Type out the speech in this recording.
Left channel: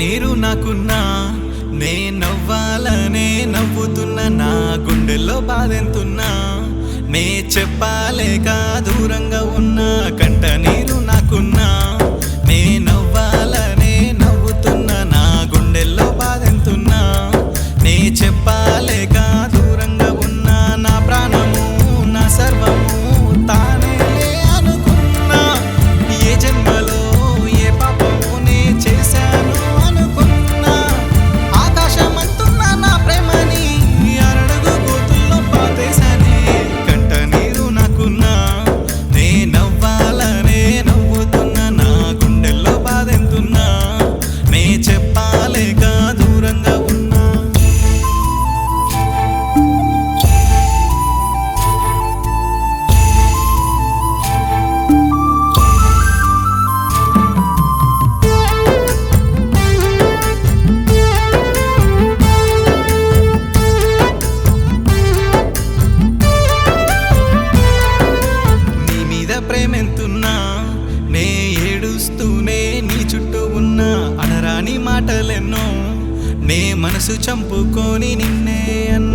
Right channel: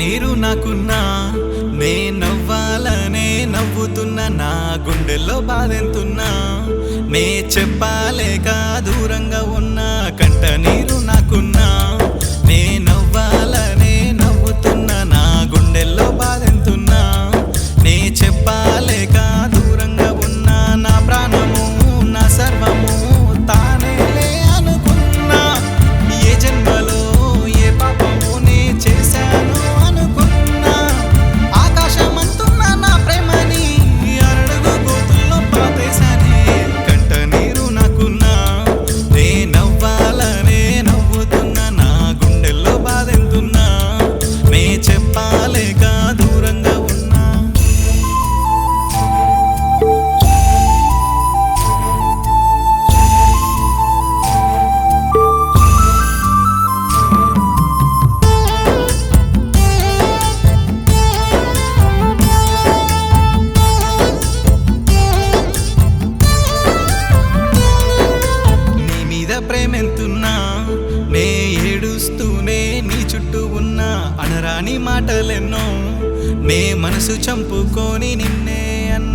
నీరు నాకున్నా నే నవ్వాలనే నవ్వుతున్నా నా గుండెల్లో బాధెంతున్నా నే చెప్పాలేక దూరంగా ఉన్నా కంట నీరు నాకున్నా నే నవ్వాలనే నవ్వుతున్నా నా గుండెల్లో బాధెంతున్నా నే చెప్పాలేక దూరంగా ఉన్నా నా ప్రాణము నా సర్వము తానేలే అనుకున్నా ఏ జన్మలో ఏ పాపము నే చేశాను అనుకున్నా ఆకాశమంతున్నా నా ప్రేమని అరడుగు గోతుల్లో పాతేశానే కంట నీరు నాకున్నా నే నవ్వాలనే నవ్వుతున్నా నా గుండెల్లో బాధెంతున్నా నే చెప్పాలేక దూరంగా ఉన్నా ప్రేమెంతున్నా నే ఏడుస్తూనే నీ చుట్టూ ఉన్నా అనరాని మాటలెన్నో నే మనసు చంపుకొని నిన్నే అన్నా